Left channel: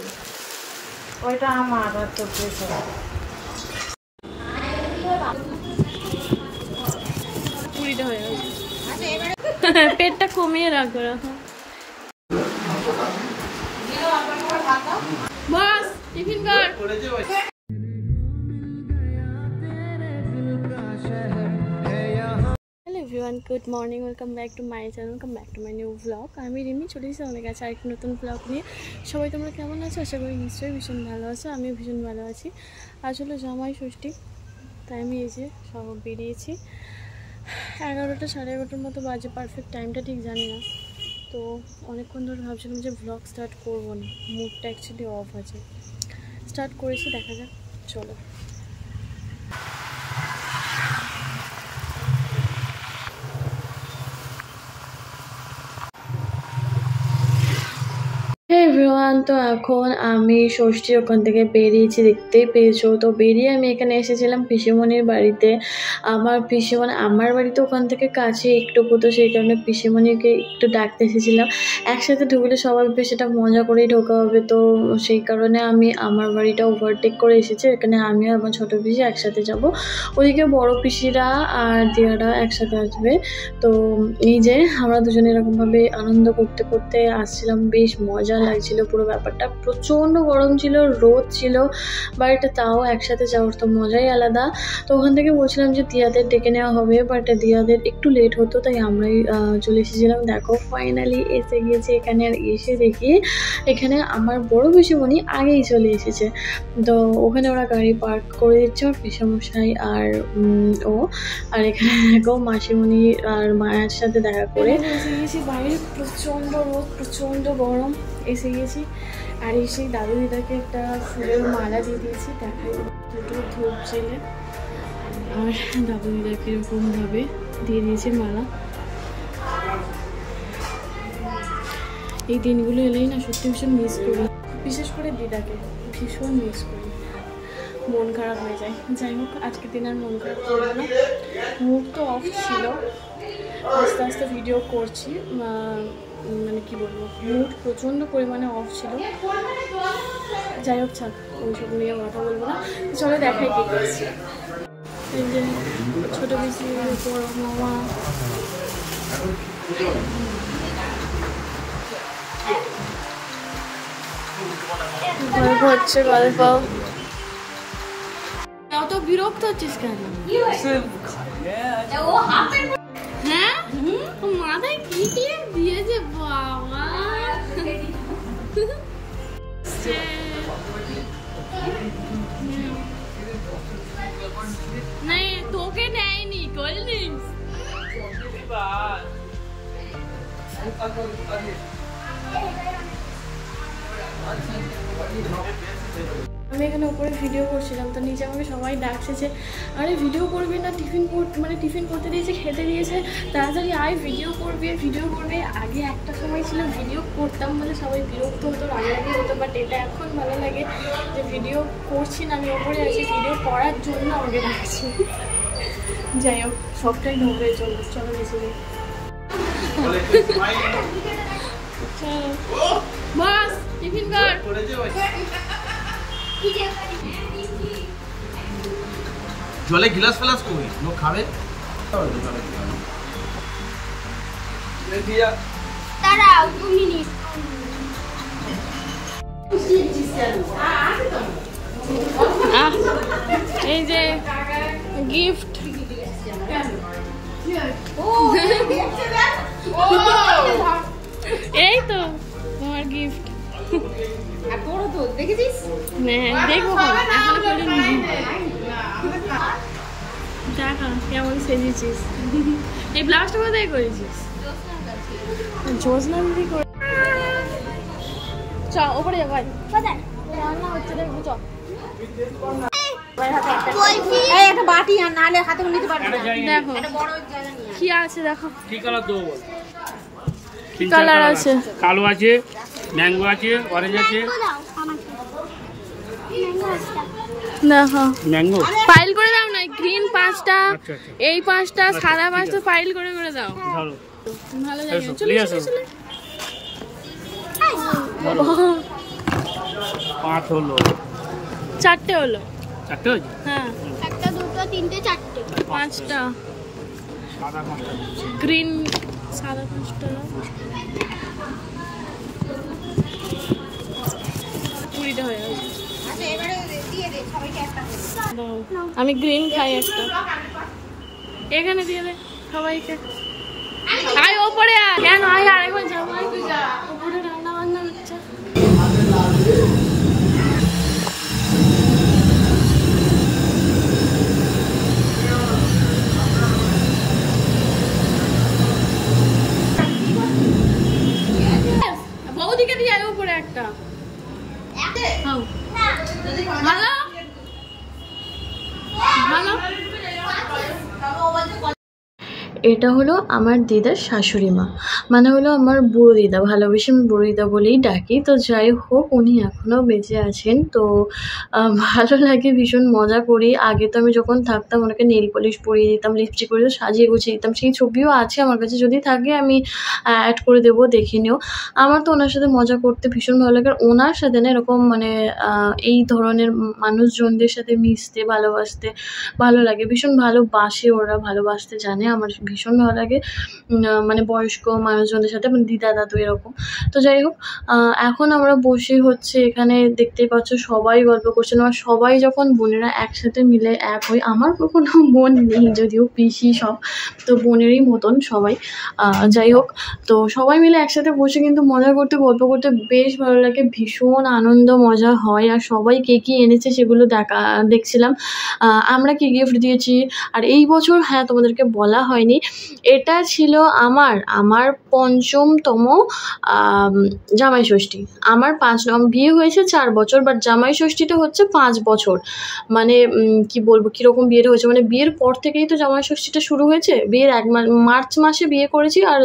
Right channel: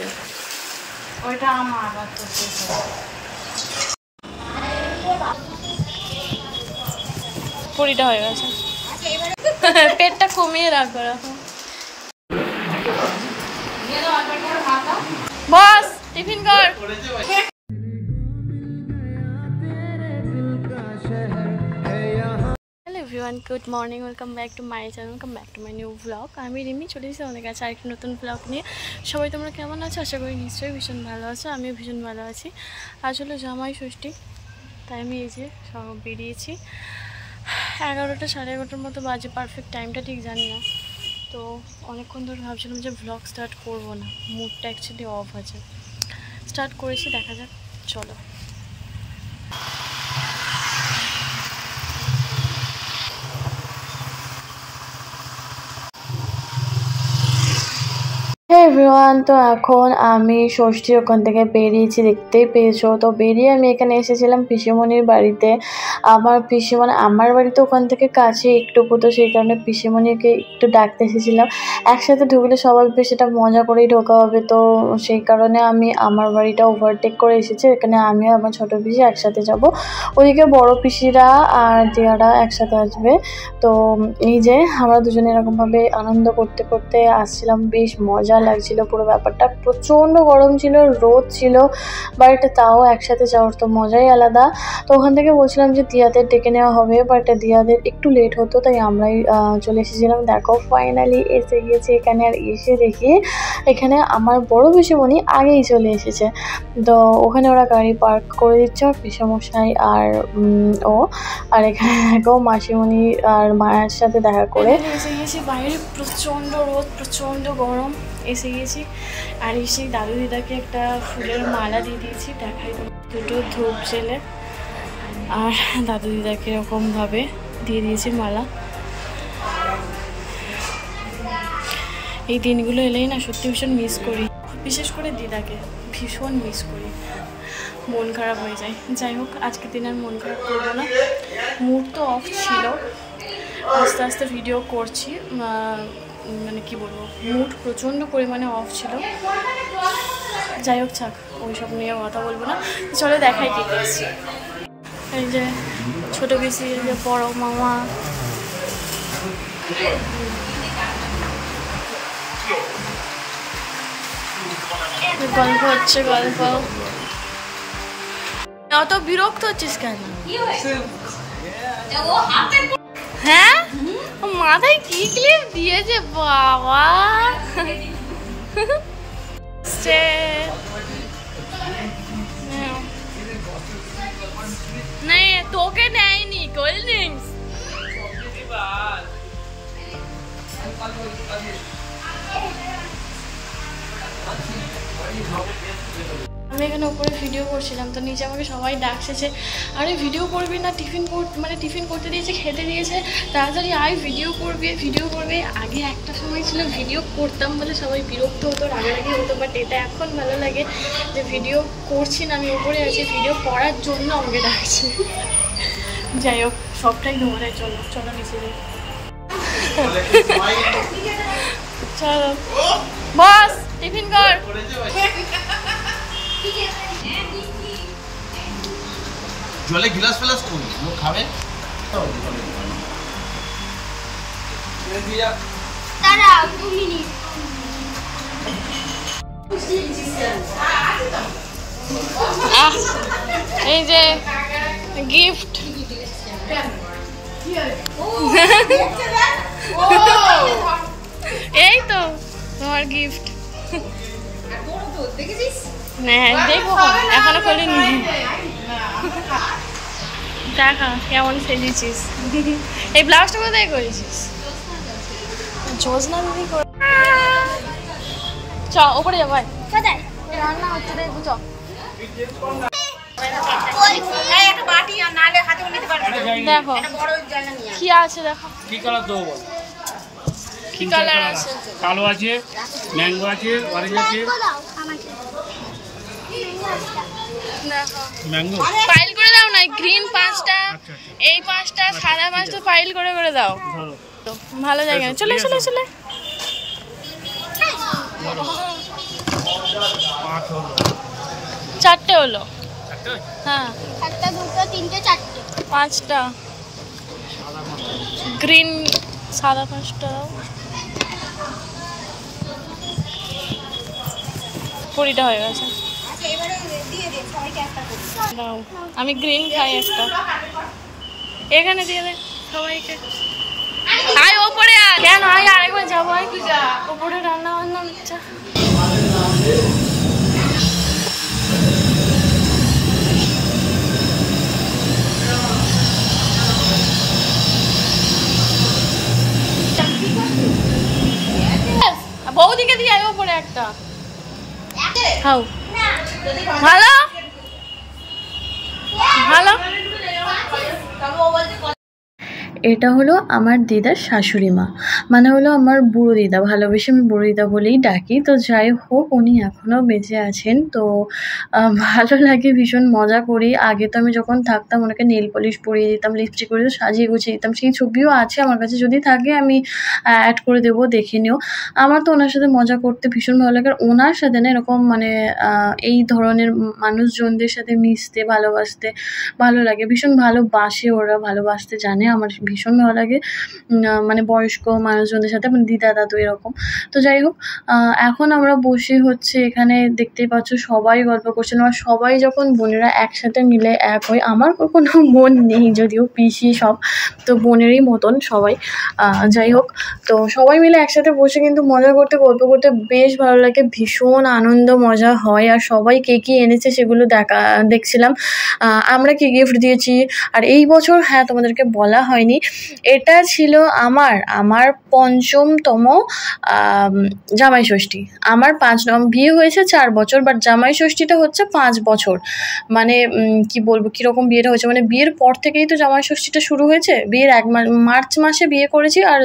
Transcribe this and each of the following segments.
আছে, ওইটা আমার আর তো পুরিটা হয়ে গেছে। পেটটা কমিয়ে রাখো রাখো। বস টিফিন কর। Hello everyone, good morning, welcome back to my channel, welcome back to my new blog. আমি রিমি চলে এসেছি অনেক কাছে আরেকটি নতুন ব্লগ নিয়ে। সবাই তোমরা কেমন আছো? আশা করি নিশ্চয়ই ভীষণ ভালো আছো। আমিও ভীষণ ভালো আছি। আসলে জামাই ষষ্ঠী, তাই আমি এই যে সব বেরিয়েছি। 11টা সাড়ে 11টার মতো বাজে, পারফেক্ট টাইমটা ঠিক জানি না। তো অনেকক্ষণ ধরে ভাবছিলাম যে ব্লগ স্টার্ট করবো না, মুডটা অ্যাকচুয়ালি অফ আছে। স্টার্ট করেছি, দেখা যাক, চলো। এভরিওয়ান, তো এখন আমি ষষ্ঠীর ওখান থেকে বেরিয়েছি, দেখতেই পেয়েছো। তো বেরিয়ে আমি এখানে এসেছিলাম পিসিমণির বাড়িতে। আমার পিসিমণি আমার বাড়িতে ওখান থেকে কাছে একটুকু, তো সেই কারণে পিসিমণিকে একটু ডাকতে এসেছিলাম। একসাথে ঢুকলে সবাই বেশ এটা মজা করেই ঢোকা হবে, তো সেই কারণে আমি আমার বাড়িটা ওভারটেক করে এসেছি। এখানে আমি আর আমার ছোটো পিসি একসাথে যাব, ওদিকে বড় পিসিরা আর দিয়ারা একসাথে আসবে। তো এই যে আমরা দুজনে এরকমভাবে আনন্দ করতে করতে আসছিলাম, বেশ মজা লাগছিল পুরো ব্যাপারটা। প্রচণ্ড গরম ছিল, রোদ ছিল, বাট তাও একসাথে যাওয়ার তো মজাই আলাদা। তো ওখান থেকে বলছিলাম যে দিয়াদের ডেকে নেওয়া হবে, বাট দিয়াদের একটু লেট হতো, তাই আমরাই চলে এসেছিলাম। দেখো ফাইনালি এসে গিয়েছে এখানে। আর এসে দেখি এখানে আমার বড় পিসিমণি আগেই চলে এসেছে। তো ওখানে ওরা গাড়ি পার্ক করে দিচ্ছে, আর পিসমশাই আর ও, আর এখানে দেখো মাসিমণি আর মায়ের সাথে দেখা করে এসে গিয়েছি। বাইরে প্রচণ্ড রোদ, প্রচণ্ড গরম। এসে গেছি, আর এসে দাদু দিদাকে একটা ফুলের মালা দিয়ে দিয়েছি, দেখাই দুটো ধূপ জেলে, আর দাদু দিদাকে এরকমভাবে দিয়ে দিয়েছি মালা। এই দিনগুলো এলেই না সত্যি ভীষণ মিস করি, বিশেষ করে দিদাকে ভীষণ মিস করি, মন খারাপ হয়ে যায়। যাই হোক, আজকের দিন আর মন খারাপ করবো না, মুড তো অফ ছিল, আস্তে আস্তে ভিডিও করছি। মানে কি বলবো, মুড প্রচণ্ড পরিমাণে অফ ছিল। যাই হোক, থাক, ওইসব নিয়ে কথা বলবো না। চলো দেখাই কি করছি। এই যে ছোটো পিসি, এই যে বড় মামা, গল্প হচ্ছে, গল্প। অত বিরক্ত হচ্ছিস কেন? হ্যাঁ, মাথায় কি ক্লিপ দিয়েছে বাবা। তোকে নেয়নি কোল্ড ড্রিঙ্কস। আমি এখানে উপরে ভিডিও করছিলাম, তো নিচে আমাকে সবাই ডাকছে যে আরে ভিডিও করবি না, টিফিন করতে দিয়েছে, খেতে দিয়েছে, তাড়াতাড়ি আয়, ভিডিও করবে। আগে একটা সময় ছিল ভিডিও করতাম বলে সবাই বিরক্ত হতো, রাগারাগি হতো, বাট এটা এখন ভালো লাগে যে ভিডিও করছি না, আমি ওপরে আছি, ভিডিও করার জন্য আমাকে ডাকছে। যাই হোক, সবটাই তোমাদের জন্য। চলো নিচে যাই। চলো বস টিফিন কর। জলে গ্লাস ফেলাস কই লোক খাবে। এই যে গিফট, এই তো তোমার গিফট। হ্যাঁ দেখবো, এখনো খুলিনি। দেখা কেমন সেজেছিস। এই ব্লাউজটা কোথায় করেছিস? জোসনা দিদি করে। চ ওপরে যা ভাই, রান্না হচ্ছে, দেখবো। চ দেখো কি আছে, দেখো কি কালার দেবো বল। কি কালার আছে? কালো আছে, ম্যাঙ্গো আছে, অরেঞ্জ আছে। দেখো ম্যাঙ্গো ফাইল করে দাও না, গ্রিন 5টা, এই 5টা, সাদা 5টা ফাইল করে দাও। তো ভালো জায়গা, চলে চলে চলে। 16 4টে হলো। 4টে হয়েছে? হ্যাঁ, 1টা 2টো 3টে 4টে 5টা সাদা 5টা। গ্রিন, সাদা 5টা, 20টা হয়ে গেছে। দাও, আমি গ্রিন খাই একটা, এখানে দিয়ে দে সবাইকে। আয় ওপরে আয়, কেন আয়, আরেকবার যাবো, আয় ওপরে রান্না বান্না হচ্ছে। বৌদিকে দিয়ে আয় ওপরে একটা খাও। ভালো ভালো। এটা হলো আমার দিদার শাশুড়ি মা, মানে হলো আমার বুড়ো দিদা, ভালোবেসে আমি বুড়ো দিদা বলেই ডাকি। তো যাই হোক, উনি এখনও বেঁচে আছেন। তো ভালো লাগে, ভীষণ মজা করি। আগে তো আমি যখন থাকতাম ওনাকে নেল পলিশ পরিয়ে দিতাম, লিপস্টিক করে সাজিয়ে গুছিয়ে দিতাম। সেই ছবিও আছে আমার কাছে, যদি থাকে আমি অ্যাড করে দেবো, দেখে নিও। আমার তো ওনার সাথে মজা করতে ভীষণ ভালো লাগে। আর ওনার সাথে না এরকম মানে এই ধরনের মানুষজনদের সাথে মিশতে, ভালোবাসতে ভালো লাগে, ভীষণ ভালোবাসে ওরা, ভালোবাসতে জানে। আমার ভীষণ ভালো লাগে মানে বয়স্ক মানুষজনদের সাথে, মানে দিদা দাদু এরকম। তো যাই হোক, এখন আমরা বসে হচ্ছে এখানে, দেখতেই পাচ্ছ সবাই গল্প করছেন। আর সবাই যখন বোনেরা একসাথে মিলে এক হয়, আমার কোনো বোন নেই যদিও, পিসি সব, তো বোনেরই মতন সবাই। যাই হোক, তো সবাই মিলে একসাথে বসে কিন্তু মজা করতে, গল্প করতে বেশ ভালো লাগে, ভীষণ আনন্দ মজা হয়। আর সবাই কে কী এনেছে সেগুলো দেখছিলাম, আমরা কি গিফট দিয়েছি। আর এই বছর, হ্যাঁ তোমাদেরকে বলা হয়নি, এটা ছিল আমার 5মতম জামাই ষষ্ঠী। আমার 5 বিয়ে হয়েছে 4 বছর, বাট জামাই ষষ্ঠীটা হচ্ছে 5 বছর। মানে কি বলবো, কীরকম বিয়েটা হয়েছে, মানে বিয়ের পর থেকেই তো জামাই ষষ্ঠীটা শুরু হয়েছে। বিয়ের মার্চ মাসে বিয়ে করেছি, আর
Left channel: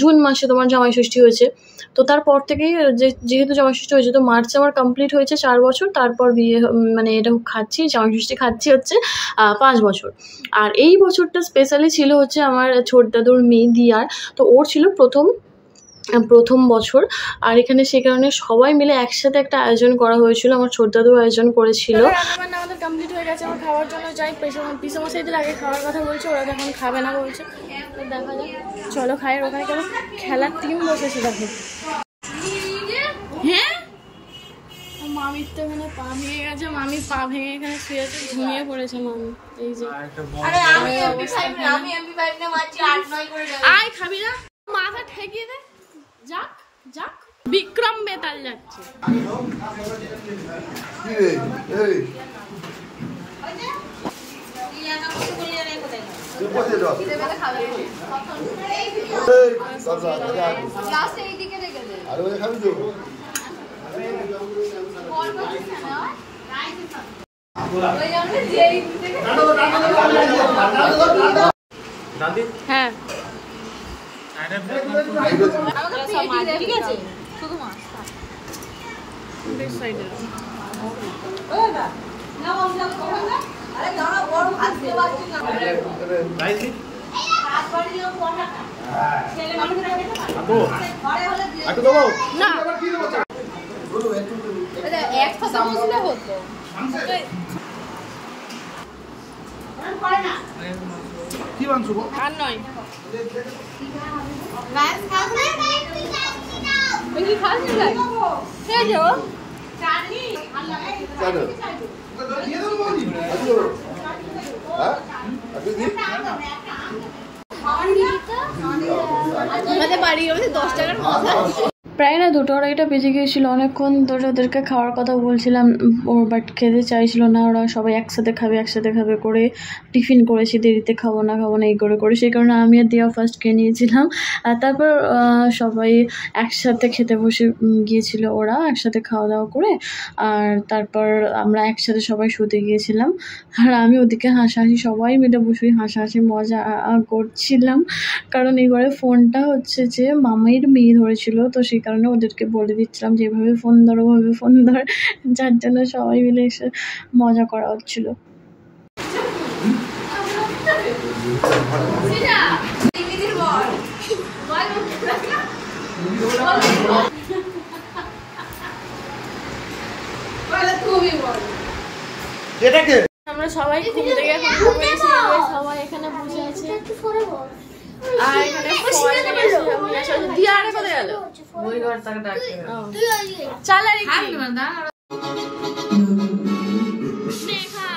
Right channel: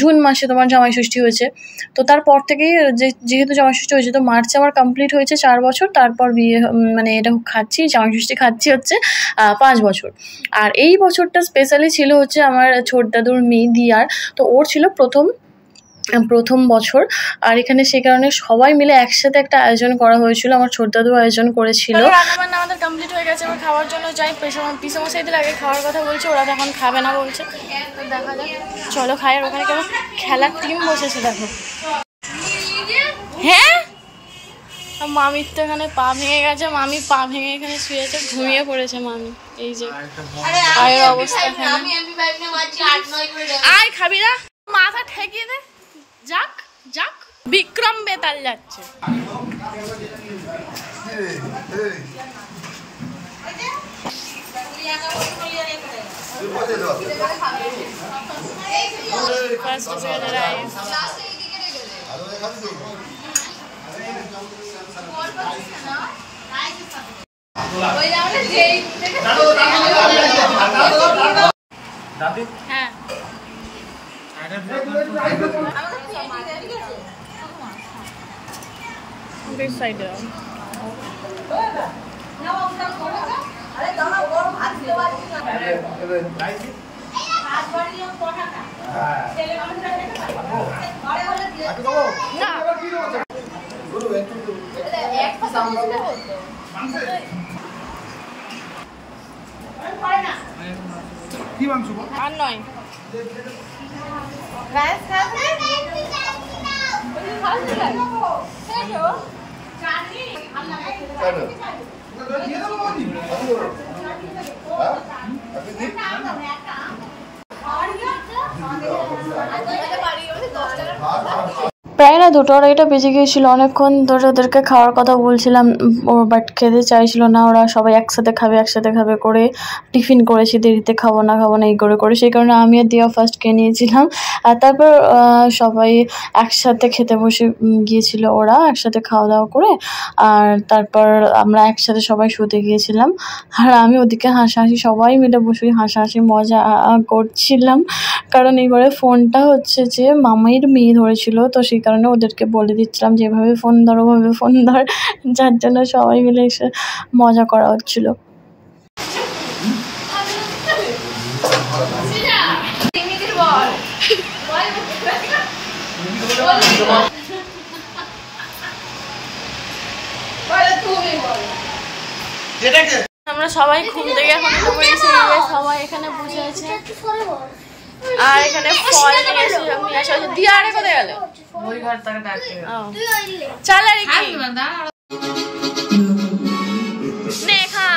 জুন মাসে তোমার জামাই ষষ্ঠী হয়েছে। তো তারপর থেকেই যেহেতু জামাই ষষ্ঠী হয়েছে, তো মার্চে আমার কমপ্লিট হয়েছে 4 বছর। তারপর বিয়ে, মানে এটা খাচ্ছি, জামাই ষষ্ঠী খাচ্ছি হচ্ছে 5 বছর। আর এই বছরটা স্পেশালি ছিল হচ্ছে আমার ছোট দাদুর মেয়ে দিয়ার, তো ওর ছিল প্রথম বছর। আর এখানে সেই কারণে সবাই মিলে একসাথে একটা আয়োজন করা হয়েছিল, আমার ছোট দাদু আয়োজন করেছিল। রান্নাবান্না আমাদের কমপ্লিট হয়ে গেছে, এবার খাওয়ার জন্য যাই। পিসমশাইদের আগে খাওয়ার কথা বলছে, ওরা এখন খাবে না বলছে, তো দেখা যাক, চলো খাই। আর ওখানে কেমন খেলার টিম বসেছে দেখো। হ্যাঁ, মামির তো এখানে পা ভেঙে গেছে, মামি পা ভেঙে এখানে শুয়েছে, ঘুমিয়ে পড়েছে মামি। এই যে পায়ের অবস্থা এখানে। আয় খাবি না, মাথা ঠেকিয়ে দে, যাক যাক। বিক্রম বেতাল যাচ্ছে। হ্যাঁ, সাইডে না, আর নয়। প্রায় না 2টা আড়াইটা বেজে গিয়েছিলো, অনেকক্ষণ ধরে ওদেরকে খাওয়ার কথা বলছিলাম, বাট খেতে চাইছিল না ওরা। সবাই একসাথে খাবে করে টিফিন করেছি, দেরিতে খাবো না এই করে, সেই কারণে আমি আর দিয়া ফার্স্ট খেয়ে নিয়েছিলাম। আর তারপর সবাই একসাথে খেতে বসে গিয়েছিল, ওরা একসাথে খাওয়া দাওয়া করে। আর তারপর আমরা একসাথে সবাই শুতে গিয়েছিলাম। আর আমি ওদিকে হাসাহাসি, সবাই মিলে বসে হাসাহাসি মজা করছিলাম, কারণ এইবারে ফোনটা হচ্ছে যে মামাইয়ের মেয়ে ধরেছিল, তো সেই কারণে ওদেরকে বলে দিচ্ছিলাম যে এভাবে ফোন ধর, ওভাবে ফোন ধর, যার জন্য সবাই মিলে এসে মজা করা হচ্ছিল। এটাকে আমরা সবাই ঘুম থেকে এখন উঠে পড়েছি, সবাই এখানে বসে আছে আর এখানে ফল নিয়ে আসা হয়েছে। দিয়া আরে কোথায় গেল? ওই ঘর থেকে ডাকে। চল আরে কি নে খা,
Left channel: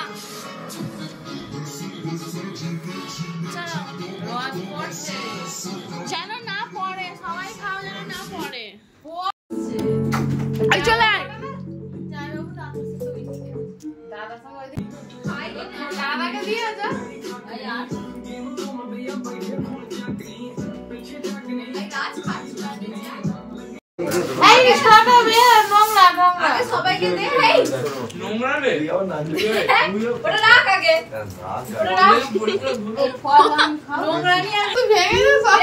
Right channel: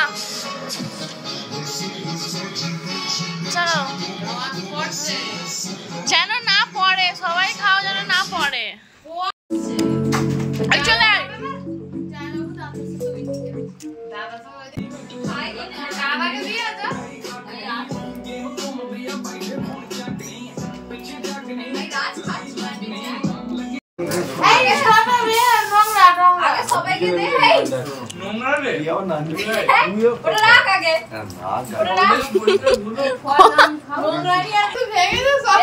চলো যেন না পড়ে, সবাই খাও যেন না পড়ে। চলে আয় সবাইকে দে এই নোংরা রে ওটা রাখ আগে ওটা রাখ নোংরা নি আর তুই ভেঙে দে সব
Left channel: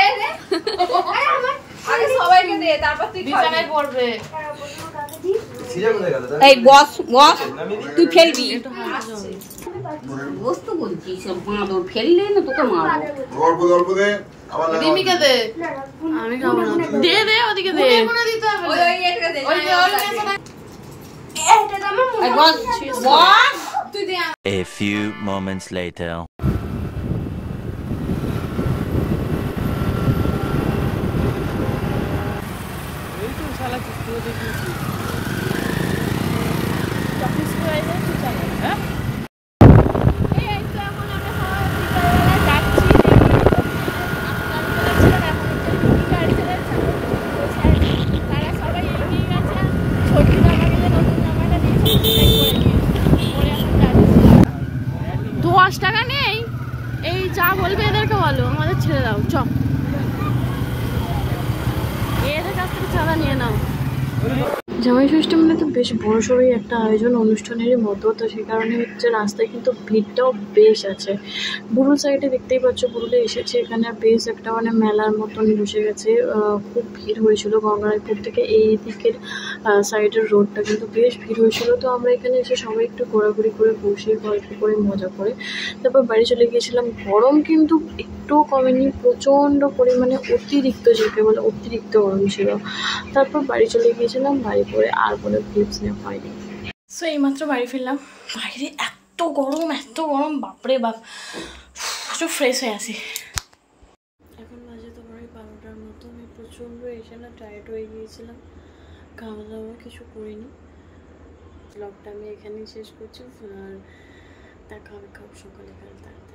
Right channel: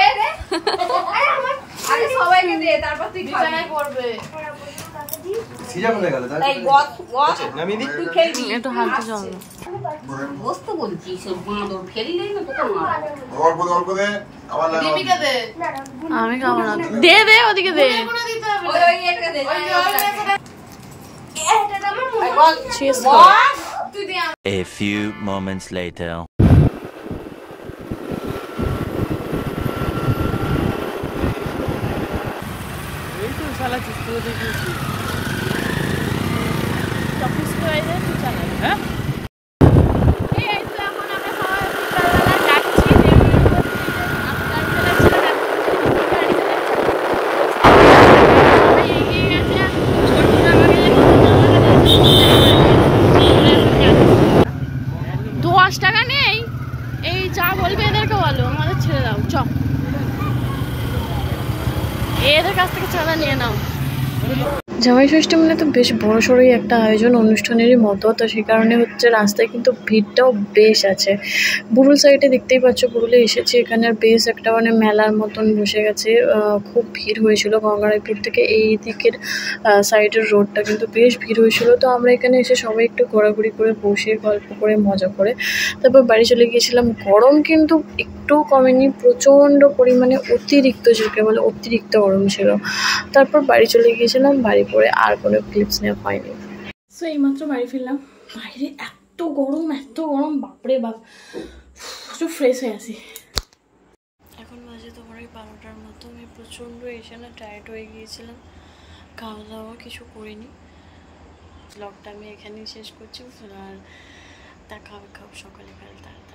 আগে সবাইকে দে তারপর তুই বিছানায় পড়বে। সিজা কোথায় গেল? এই বস তুই ফেলবি একটু হালকা জল বস তো বলছিস বাঁদর ফেললে না তোকে মারবো। অল্প দে আবার না দিমিকে দে আমি খাবো না, দে দে ওদিকে দে। ওই ওই এটা দে ওই ওই এটা আমার মনে তুই দে। A few moments later. টাকা নেই, এই যা বলবে এদেরকে বলো আমাদের ছেড়ে দাও, চ এদের কাছ থেকে চাঁদা নিয়ে নাও। জামাই ষষ্ঠী মানে তো বেশ বড় সড়োই একটা আয়োজন, অনুষ্ঠানেরই মতো, তো সেই কারণে হচ্ছে রাস্তায় কিন্তু ভিড়টাও বেশ আছে। বুরুল সাইডে দেখতেই পাচ্ছ, বুরুলে এসেছি, এখানে বেশ একটা মানে মেলার মতন বসে গেছে, খুব ভিড় হয়েছিল। গঙ্গারায়পুর থেকে এই দিকের সাইডের রোডটা কিন্তু বেশ ভিড় হয়েছিল। তো আমরা এখানে এসে সবাই একটু ঘোরাঘুরি করে বসে গল্প করে মজা করে তারপর বাড়ি চলে গিয়েছিলাম। গরম কিন্তু একটু কমেনি, প্রচণ্ড পরিমাণে অতিরিক্ত, যাকে বলে অতিরিক্ত গরম ছিল। তারপর বাড়ি চলে গিয়েছিলাম, বাড়ি পরে আর কোনো ক্লিপস নেওয়া হয়নি। সো এইমাত্র বাড়ি ফিরলাম, বাইরে এত গরম বাপরে বাপ, একটু ফ্রেশ হয়ে আসি। এখন বাজে তোমার ওই 12টার মতো। আমি প্রচণ্ড এসে না টায়ার্ড হয়ে গিয়েছিলাম, খাওয়া দাওয়া কিছু করিনি। ব্লগটা আমি এখানেই শেষ করছি, আর দেখা হবে সকালে কাল তাড়াতাড়ি।